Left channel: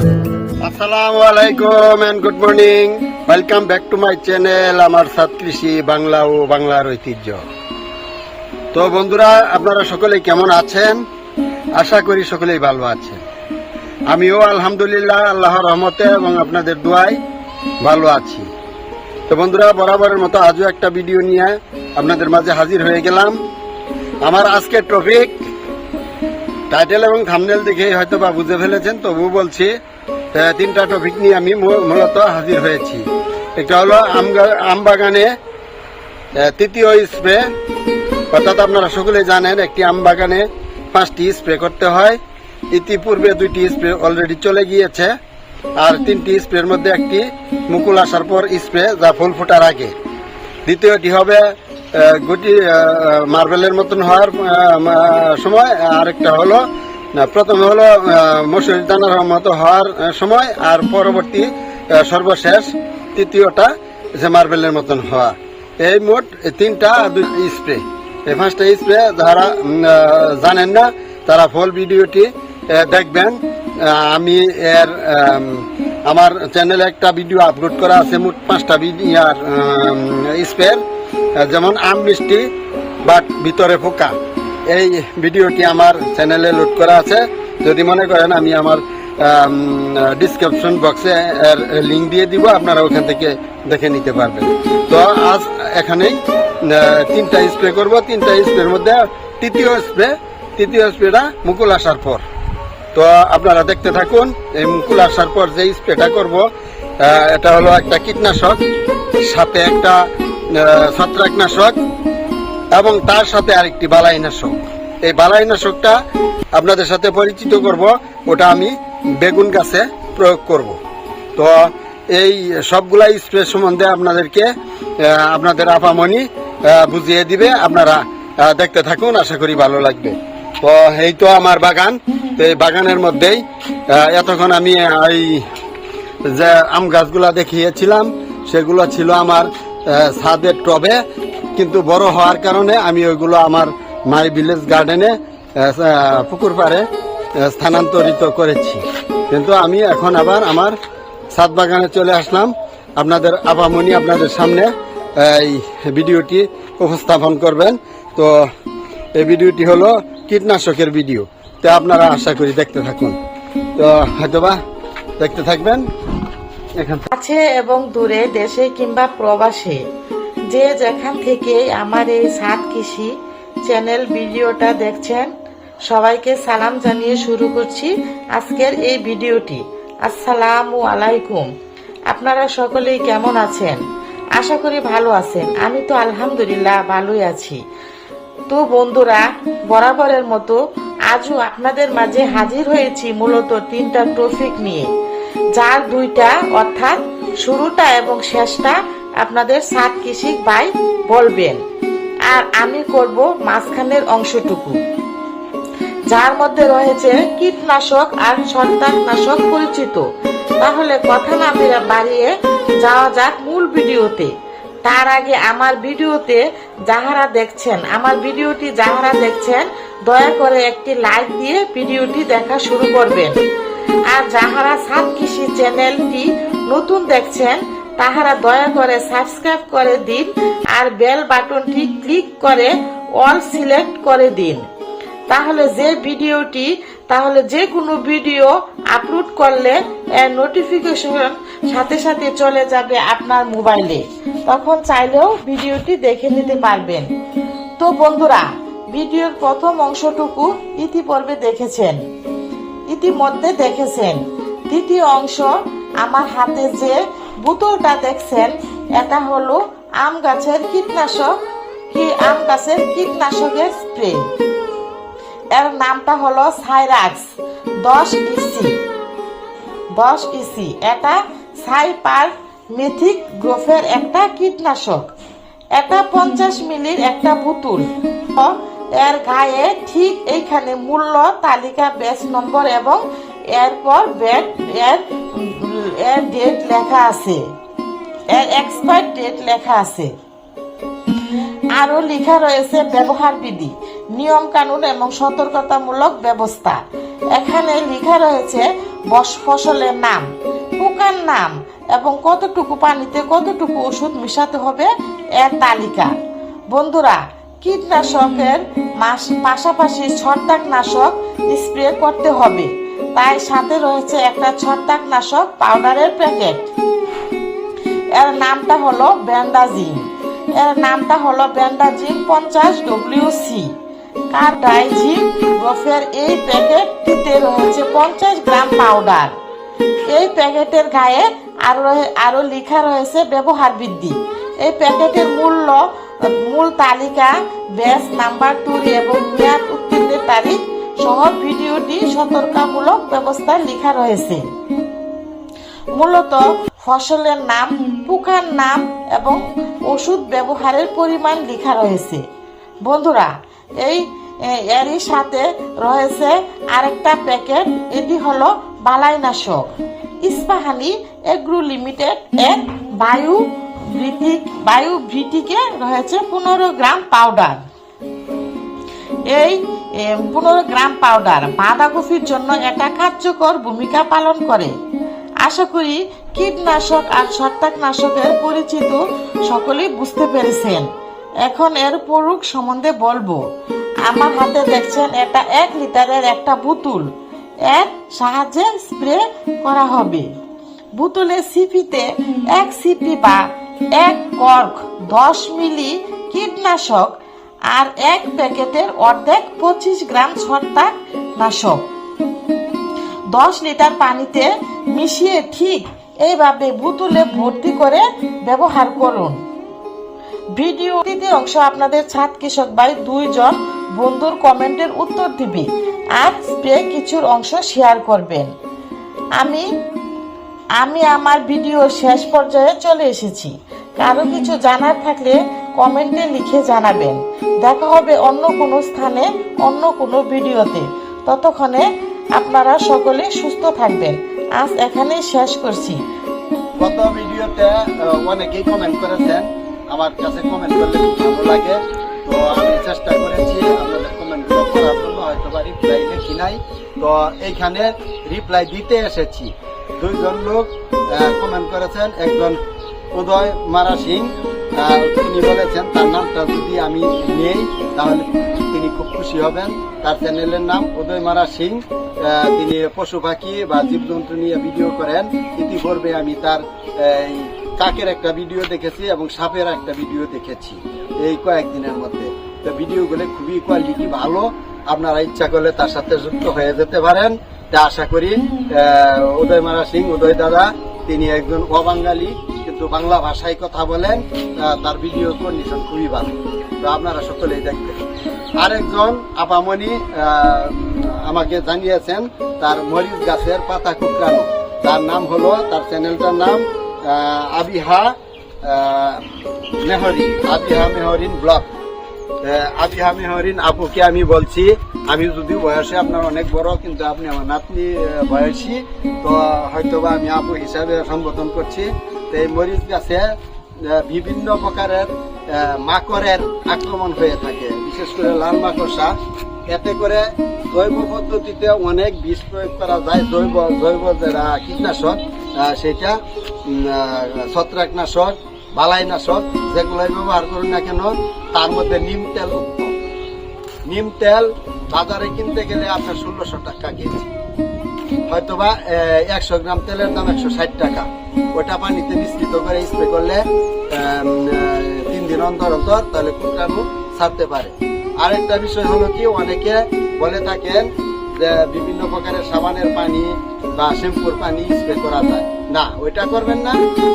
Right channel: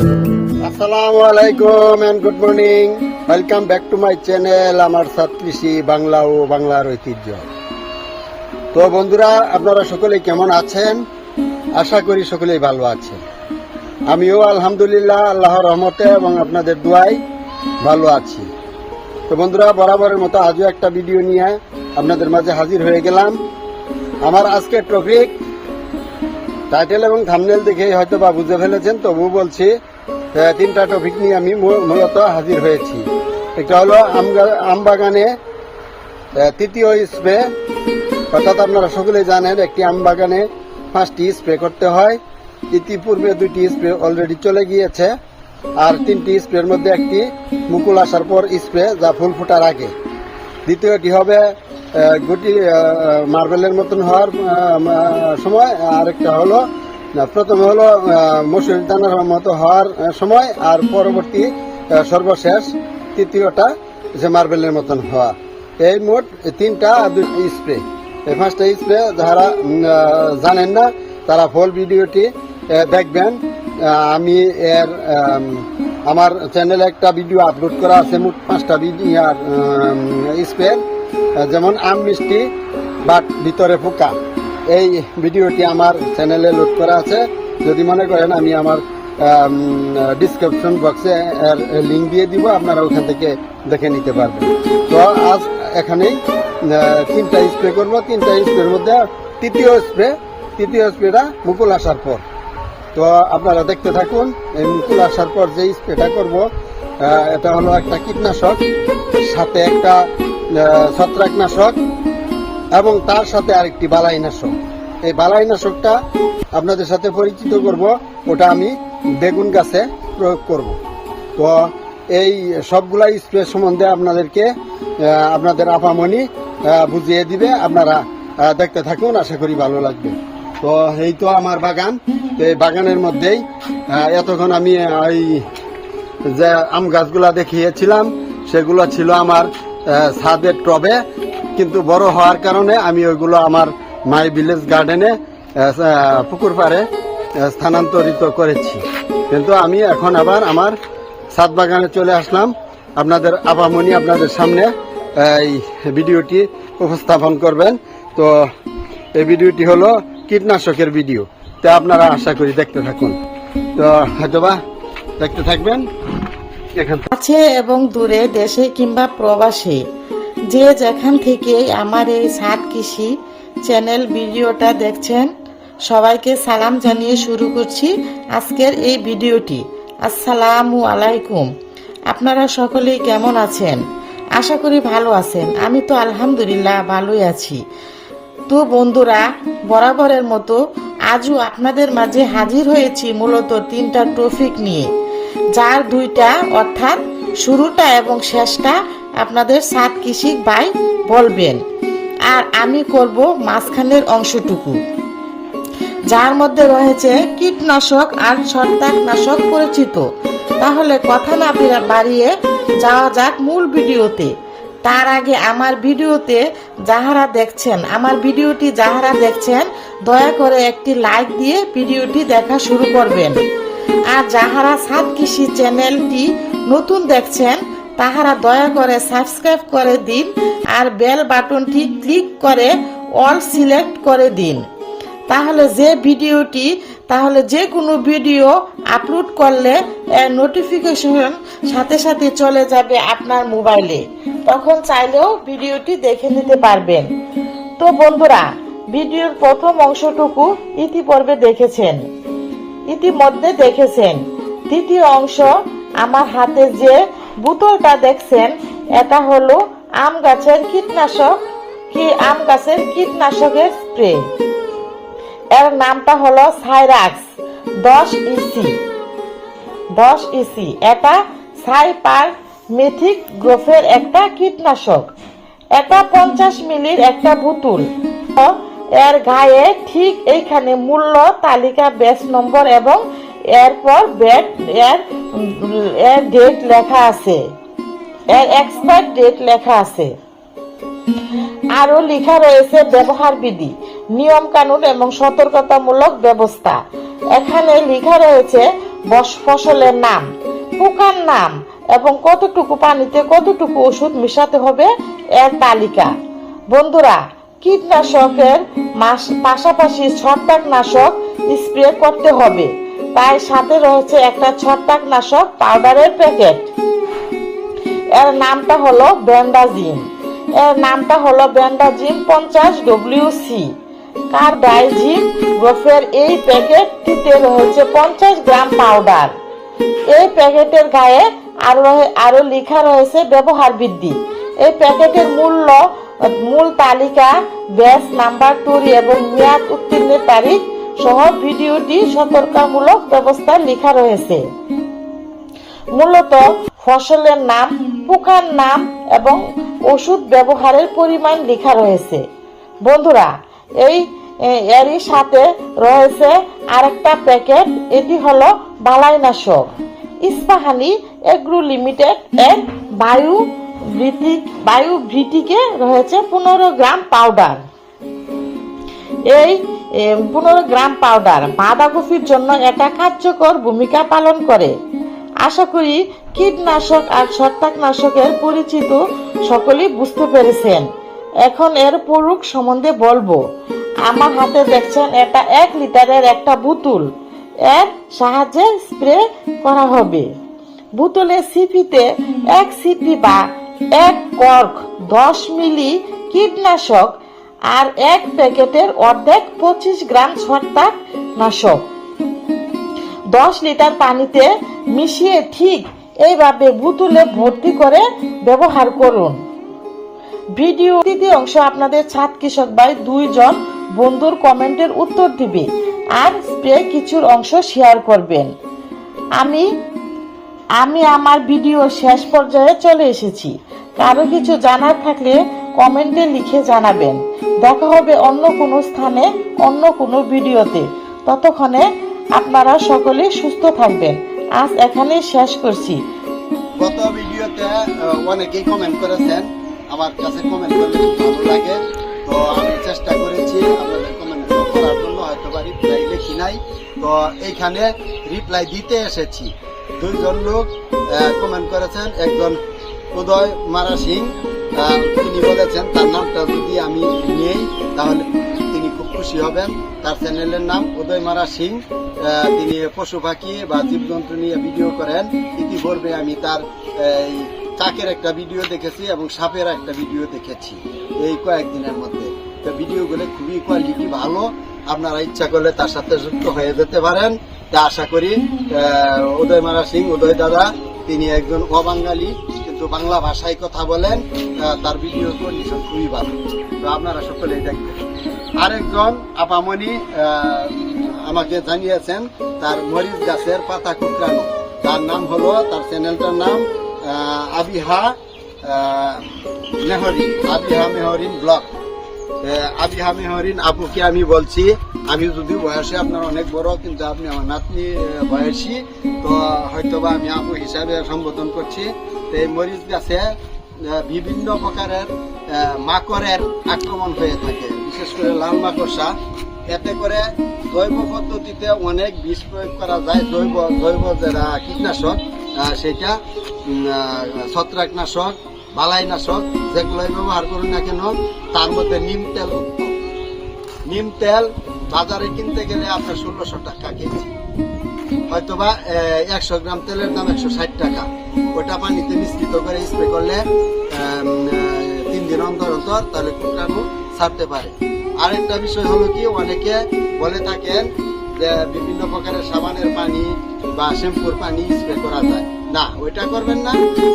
আসসালামু আলাইকুম and good morning welcome back to my channel আমার সাত কৃষি, বাংলা ও বাংলার ঐতিহ্য। তো বন্ধুরা, আপনারা সকলে কেমন আছেন? আশা করি সকলেই ভালো আছেন। আমিও আলহামদুলিল্লাহ, আল্লাহর রহমতে এবং আপনাদের দোয়ায় ভালো আছি। তো বন্ধুরা, বরাবরের মতো আজও একটা ভিডিও নিয়ে আপনাদের মাঝে হাজির হয়ে গেলাম। আমার আজকের টপিক টাইটেল এবং থামনেল দেখে হয়তো বা বুঝে ফেলেছেন তবু বলছি তিনটা টপিক নিয়ে আমি মূলত হাজির হয়েছি। একটা হলো আম বাগানে তৃতীয় স্প্রে অর্থাৎ আপনারা সকলেই জানেন একটি আম বাগানে পাঁচটি স্প্রে করতে হয়। ইতিপূর্বে দুইটি স্প্রে অলরেডি চলে গিয়েছে, আর তিনটি স্প্রের মধ্যে একটি মুকুল আসার পর স্প্রে যা ফুল ফোটার আগে। দ্বিতীয়টি হবে গুটি মার্বেলের মতন হওয়ার সময় আরেকটা হলো না, প্রথমে হলো আহ, মসুরি দানার মতো হওয়ার সময় আর পরবর্তী সর্বশেষ তৃতীয়টা যে মার্বেলের মতন হওয়া। এই মোট তিনটা স্প্রে। এই পাঁচটা স্প্রে যারা জানেন না তারা ফুল ভিডিওটি দেখবেন। আমি এর আমার চ্যানেলে একটা ভিডিও আপলোড করা আছে মোট পাঁচটা স্প্রে। যেমন আম মিষ্টি বাট ভিতরে পোকা। এই ভিডিওটি আমার চ্যানেলে লোড করা আছে। যদি মনে করেন, আমি আমার ডিসক্রিপশন বক্সে এর লিঙ্ক দিয়ে দিব, আপনারা ওখান থেকে দেখে নিতে পারবেন। তো আজ এখানেই তিনটা স্প্রে করব। তিনটা স্প্রের মধ্যে তৃতীয় স্প্রে তৃতীয় স্প্রেটা মুকুল আসার পর। তো আপনারা দেখতে থাকুন, এই মুকুল আসার পর যে স্প্রেটা করব এটা হলো একটা কীটনাশক, সাথে একটা ছত্রাকনাশক। এবং তার সাথে আরেকটি বালাইনাশক। এই বালাইনাশকটা আপনাদের সাথে পরিচিত করব, ওটা আমি বেগুন গাছে প্রয়োগ করব। তো এই সবগুলা স্প্রে সম্বন্ধে আপনাদেরকে আপনাদের আপামনি বুঝিয়ে দিবে, আপনারা দেখতে থাকুন, আশা করি ভালো লাগবে। তো এই তো আমার বাগান, তো এই বাগানের মধ্যেই এতক্ষণ আমি এই যে আম গাছগুলা দেখিয়েছিলাম, সেগুলো ছিল আমার ছাদের টবে। কিন্তু বড় হওয়ার কারণে আমি ওইগুলো আমার মাই ভিলেজ গার্ডেনে পুকুর পাড়ে স্থানান্তরিত করেছি। কিন্তু আমি এখন আবার আমার ছাদ বাগানে চলে আসলাম। আপনাদের আপামনি আপনাদের সামনে এই ভিডিওটি উপস্থাপন করবেন। তো এই ভিডিওটি হলো কীটনাশকের ভিডিও। তো আপনারা আশা করি দেখতে থাকুন। তো হয়তোবা দেখতে থাকবেন। এখান কাছে এবং দূরে দেশে কিংবা প্রবাসে। যে যেখান থেকে আমার এই সাত কৃষি চ্যানেল ভিডিওটা দেখছেন, সবাইকে সালাম জানিয়ে শুরু করছি আজকের এই ভিডিওটি। আসসালামু আলাইকুম। আপনারা সকলেই কেমন আছেন? আশা করি ভালো আছেন। আমি তো আলহামদুলিল্লাহ ভালোই আছি। তো বন্ধুরা, বরাবরের মতো আজও আপনাদের মাঝে হাজির হয়েছি মূলত তিনটা টপিক নিয়ে। যার দুইটা অর্থাৎ শুরুটা এবং শেষটা আপনাদের সাত কৃষিক ভাই বলবেন। আর আমি করব মাঝখানের অংশটুকু। যার মধ্যে রয়েছে কীটনাশক আর ছত্রাকনাশক পরিচিত। তাহলে কথা না ফেরা বাড়িয়ে যাওয়া যাক মূল ভিডিওতে। তার আগে আমার ভিডিওতে যাহারা দেখছেন, আমার ভিডিওটি যাহারা দেখছেন, দয়া করে একটি লাইক দিয়ে ভিডিওটি দেখা শুরু করবেন। আর যাহারা সাত কৃষি চ্যানেলটি নতুন দেখছেন তাহারা দয়া করে সাবস্ক্রাইব করে দিন আর বেল বাটনটি ক্লিক করে অল সিলেক্ট করে দিন। তাহলে যে ভিডিওটি, তাহলে যে কোনো ভিডিও আপলোড করলে এর নোটিফিকেশন সাথে সাথে চলে যাবে আপনার মোবাইলে। তখন চাইলেও ভিডিওটি দেখে নিতে পারবেন। তো বন্ধুরা, ভিডিওর প্রথম অংশটুকু ইতিপূর্বে দেখেছেন। ইতিমধ্যে দেখেছেন। দ্বিতীয় অংশ, আমার হাতে যে বোতলটা দেখছেন, এটা হলো আম গাছের কীটনাশক। কি আম গাছের কীটনাশকের স্প্রে? এর নামটা হলো সাইরাক্স, দশ ইসি দশ ইসি এটা সাইপার মিথিক গ্রোফের একটা কীটনাশক। এটা পঞ্চাশ মিলির একটা বোতল। এর গায়ে ঠিক এইখানে মূল্য তালিকা বেস নম্বর এবং এরপর ব্যাট, এর এর ডেট লেখা আছে। এর এক্সপায়ার ডেট লেখা আছে। আরও লেখা রয়েছে ব্যবহার বিধি, নিয়ম কানুন এবং সতর্কতামূলক ব্যবস্থা। এখানে লেখা রয়েছে বস ফসলের নাম, পোকার নাম এবং কতটুকু পানিতে কতটুকু ওষুধ মিশাতে হবে এর তালিকা। বন্ধুরা, কীটনাশকের পাশাপাশি ছত্রাকনাশক স্প্রে করতে হবে। তাই সাথে রয়েছে একটা ছত্রাকনাশক পাউডারের প্যাকেট। এর নামটা হলো ব্যান্ডাজিম এর নামটা হলো ব্যান্ডাজিম পঞ্চাশ ডব্লিউসি কার্বাইজিম গ্রোফের এই প্যাকেটটিতে রয়েছে পঞ্চাশ গ্রাম পাউডার। এই প্যাকেটের গায়ে আরও আরও লেখা রয়েছে ব্যবহার বৃদ্ধি। এই প্যাকেটের মূল্য, মূল তালিকা ব্যাস নাম্বার টুরি এবং মেয়াদ উত্তীর্ণের তারিখ সহ ভিডিওটি সতর্কমূলক ব্যবস্থায় লেখা রয়েছে। মূলত ফসলের নাম, পোকার নাম এবং ওষুধ ব্যবহারের পরিমাণ লেখা রয়েছে। বন্ধুরা, এই এরই সাথে রয়েছে আরেকটা প্যাকেট, এটি হলো বালাইনাশক। ইস্পাহানি এগ্রো লিমিটেড এর বায়ু বায়ু ভিটিকে রয়েছে পনেরো গ্রাম পাউডার। এই পনেরো গ্রাম পাউডার বাঁধাকপির জন্য এটা কার্যকর ভূমিকা পালন করে। আশা করি কীটনাশক আর ছত্রাকনাশকের পরিচিত সকলেই বুঝতে পেরেছেন। এখন এর প্রয়োগ সম্বন্ধে বলব, আমার হাতে দেখছেন এটা এক লিটারের একটা বোতল। এর সাহায্যে স্প্রে করা হবে। বোতলের সিপিতে এক সিপি বা এক কর্ক দশ মিলি কীটনাশক আর এক প্যাকেটের অর্ধেক পঁচিশ গ্রাম ছত্রাক নাশক। দশ লিটার পানিতে মিশিয়ে ঠিক এইভাবে বোতলে ভর্তি করে ব্যবহার করুন। ভিডিও তৃতীয় অংশ আপনাদের ছাদ কৃষক ভাই দুইজন বন্ধুর কমেন্টের উত্তর দিবে আর স্প্রে কিছুর অংশ শেয়ার করবেন। আমি আমি আমার ভিডিও শেষ পর্যায়ে চলে এসেছি। কারও কিছু জানার থাকলে কমেন্টে লিখে জানাবেন। দেখা হবে অন্য কোনো স্থানে, অন্য কোনো ভিডিওতে। ততক্ষণে আপনারা সকলে সুস্থ থাকবেন। আজ এখানেই শেষ করছি। গত ভিডিওতে অনেকেই কমেন্ট করেছেন। আমার কাছে কমেন্ট খুব ভালো লাগে। তো আমি চেষ্টা করেছি আপনাদের কমেন্টগুলো করার জন্য, হয়তো বা রিপ্লাই লিখি নাই। তো এইখানে রিপ্লাই দিতে এসেছি। দুইজন লোক কমেন্ট করেছেন। একজন উদয় মারা সিং তিনি বলেছেন, তার নামটা যদি আমি নেই, তাহলে তিনি খুব খুশি হবেন। তার চ্যানেলের নাম উদয় মারা সিং তিনি পশু পাখি বা জীবজন্তু নিয়ে ভিডিও করেন। ইতিপূর্বে আমি তার কাকের একটা ভিডিও দেখেছি এবং সাপের একটা ভিডিও দেখেছি এই কয়েকদিনের মধ্যে। তো ভিডিওগুলো খুবই কোয়ালিটি ভালো। আপনারা ইচ্ছা করলে তার সাথে যুক্ত হয়ে যেতে পারেন। তা আশা করি উদয় মারা সিং, উদয় দাদা, তিনি একজন অবাঙালি কিন্তু বাংলা ভাষায় কথা বলেন তার ভিডিও কন্ডিশন খুবই ভালো। তো আপনারা সকলেই দেখবেন। আরেকজন আপামনি আমাকে জানিয়েছেন, তার মরিচ গাছের পাতা কুকরানো তার নাম হলো, তার চ্যানেলটার নাম আবিহা মেহরি আবিহা মেহরিন ব্লগ। আবিহা মেহরিন আপুকে আমি বলছি, আমি যদি বয়সে আপনার অনেক বড়, কিন্তু আপনি আমার নাতনি বয়সী, তো হয়তোবা আমি আপু হিসাবে সম্বোধন করছি। তো এই মরিচ গাছে বিভিন্ন প্রকারের মাকড়ের আক্রমণ হয়ে থাকে, বিশেষ করে লাল মাকড়সা। এতে করে জৈব পদ্ধতিতে অনেক বিষ প্রয়োগ করা যায়, জৈব জৈব যেটা কীটনাশক সেটা ছত্রাকনাশক, বালাইনাশক যেগুলো ব্যবহার করুন না কেন, তার মধ্যে নিম তেল নিম তেল বাজারে কিনতে গেলে আপনার ষোলোশো টাকা কেজি। হয়তোবা একশো গ্রাম তেলের দাম একশো ষাট টাকা। ওটা পানিতে মিশ্রিত করে স্প্রে করলে তিন দিন অন্তর অন্তর তাহলে কুকরানো ছাড়তে পারে। আরেকটা বিষয় হলো কি অনেকে বলে থাকেন যে বিভিন্ন প্রকারের সাবানের পানি বা শ্যাম্পুর পানি স্প্রে করা যায়। না ওইটা করবেন না।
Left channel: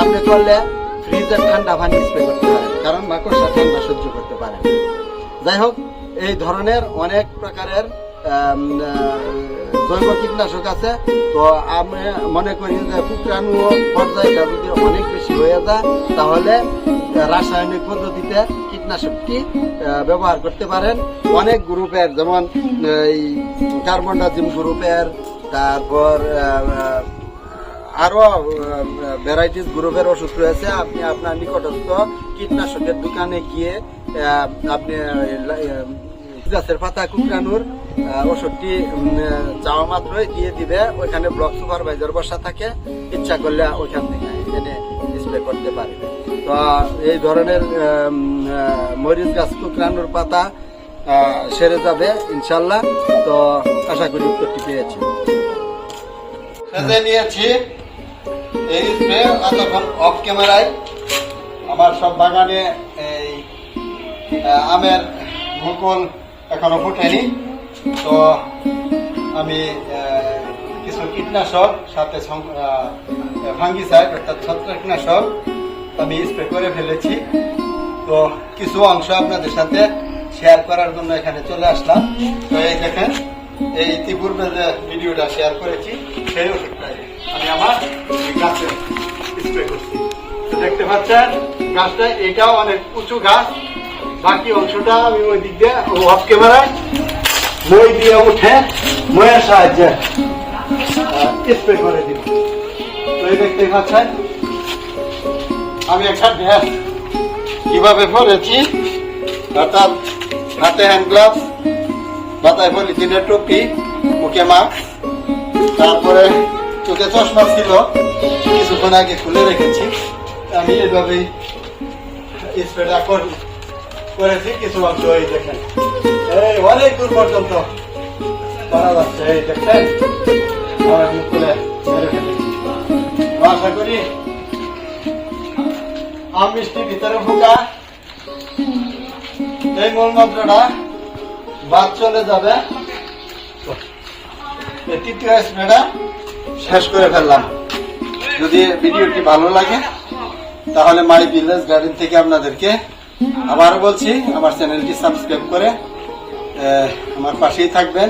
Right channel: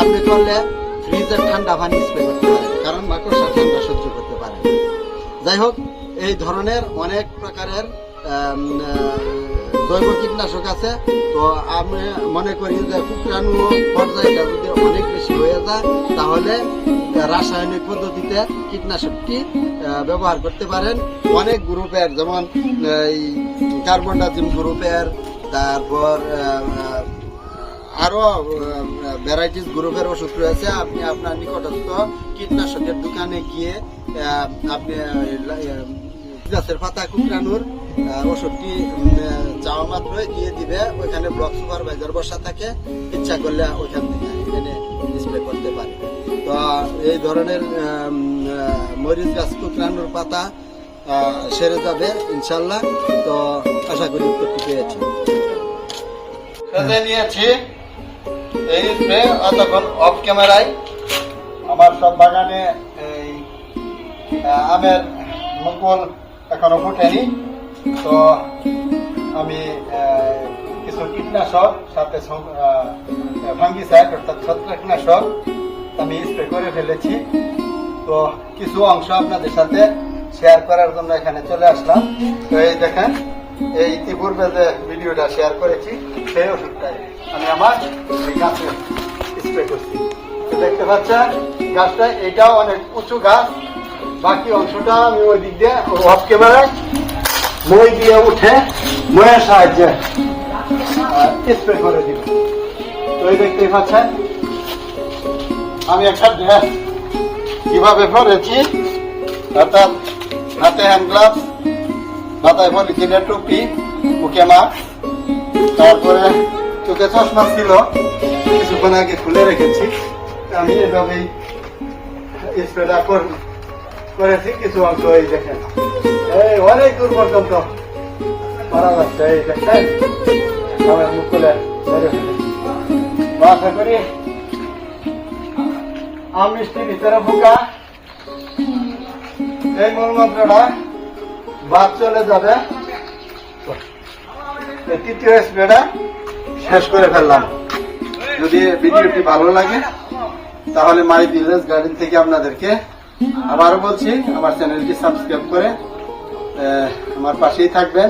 আপনি করলে ফ্রিজের ঠান্ডা পানি স্প্রে করতে পারেন কারণ মাকড়সা ঠান্ডা সহ্য করতে পারে। যাই হোক এই ধরনের অনেক প্রকারের আহ, জৈব কীটনাশক আছে তো আমি মনে করি যে শুক্রাণু পর্যায়টা যদি অনেক বেশি হয়ে যায় তাহলে রাসায়নিক পদ্ধতিতে কীটনাশকটি ব্যবহার করতে পারেন। অনেক গ্রুপের যেমন এই কার্বনডাজিম গ্রুপের তারপর আহ, ভ্যারাইটিস গ্রুপের ওষুধ রয়েছে। আপনি আপনার নিকটস্থ কীটনাশকের দোকানে গিয়ে আপনি গাছের পাতা কুকরানোর ওষুধটি চাওয়া মাত্রই দিয়ে দিবে। ওইখানে ব্লক সুপারভাইজার বসা থাকে, ইচ্ছা করলে ওইখান থেকে এখানে স্প্রে করতে পারে। তো এই ধরনের মরিচ গাছ কুকরানোর পাতা সেরে যাবে ইনশাল্লাহ তো, আশা করি উত্তরটি পেয়েছি। নিয়েছি। এই স্প্রে অতক্ষণ অফ ক্যামেরায় আমার সব বাগানে এই আমের মুকুল এখনও ফুটেনি তো আমি কিছু কীটনাশক, সাথে ভাঙ্গি ভাঙ্গিসাইড অর্থাৎ ছত্রাকনাশক, আমি স্প্রে করে ফেলেছি। তো কিছু অংশ আপনাদের সাথে শেয়ার করার জন্য এখানে চলে আসলাম। তো এই দেখেন, এই ইতিপূর্বে যে ভিডিওটা শেয়ার করেছি, সেই ওষুধটাই আমি আমার গাছে স্প্রে করছি। দেখতে পাচ্ছেন, গাছটা এটাও অনেক উঁচু গাছ বাকি অংশটা আমি ওই দিক দিয়ে অফ ক্যামেরায় মই দিয়ে উঠে ময়ের সাহায্যে স্প্রে করে দিব তো এই দেখতে পাচ্ছেন, আমি একটা ড্রেস কীভাবে পরেছি, অর্থাৎ হাতে হ্যান্ড গ্লাভস মাথায় পলিথিনের টুপি, মুখে মাস্ক তারপরে চোখে চশমা ছিল, কিছুক্ষণ আগে খুলে রেখেছি। আমি এভাবেই স্প্রেটা করি করেছি, কিছু অংশ এই দেখেন অনেক দূর পর্যন্ত। বাদ চলে যাবে। তৃতীয় স্প্রেটা শেষ করে ফেললাম। যদি ভিডিওটি ভালো লাগে, তাহলে মাই ভিলেজ গার্ডেন থেকে আপনাদেরকে আবারও বলছি, আমার চ্যানেলটি সাবস্ক্রাইব করে আমার পাশেই থাকবেন।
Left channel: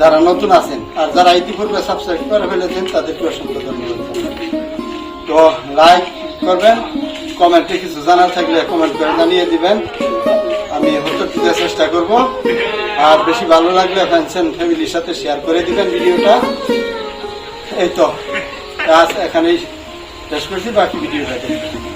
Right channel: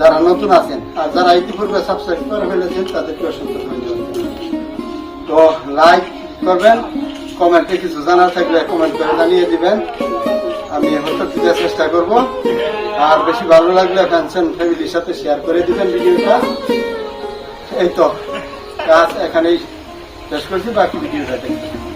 যারা নতুন আছেন আর যারা ইতিপূর্বে সাবস্ক্রাইব করে ফেলেছেন, তাদেরকে অসংখ্য ধন্যবাদ। তো লাইক করবেন, কমেন্টে কিছু জানার থাকলে কমেন্ট করে জানিয়ে দিবেন। আমি হয়তো দিতে চেষ্টা করব। আর বেশি ভালো লাগলে ফ্রেন্ডস এন্ড ফ্যামিলির সাথে শেয়ার করে দিবেন ভিডিওটা। এই তো, আজ এখানেই শেষ করছি, বাকি ভিডিওটা দেখবেন।